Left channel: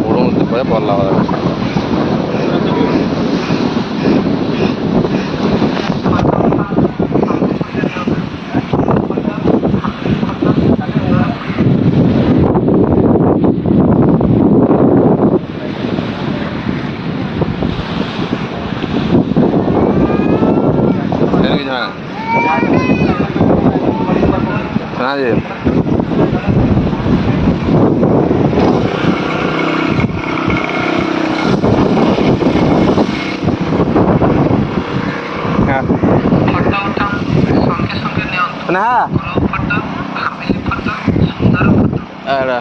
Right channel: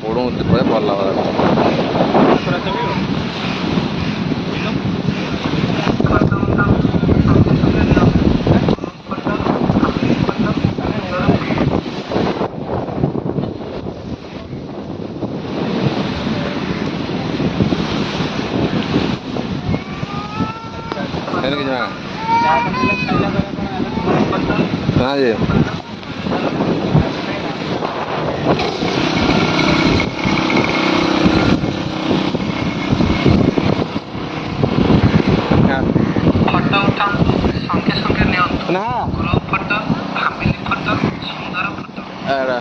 ପଡ଼ୁ ଭଲ ଲାଗ कहाँ ଫଟୋ ଉଠାନ୍ତୁ ସଙ୍ଗେ ସଙ୍ଗେ ନିଅନ୍ତୁ ना ଗ୍ରୁପ୍ ଫଟୋ ଫ୍ୟାମିଲି ଫଟୋ ସୁନ୍ଦର ଫଟୋ एड़ा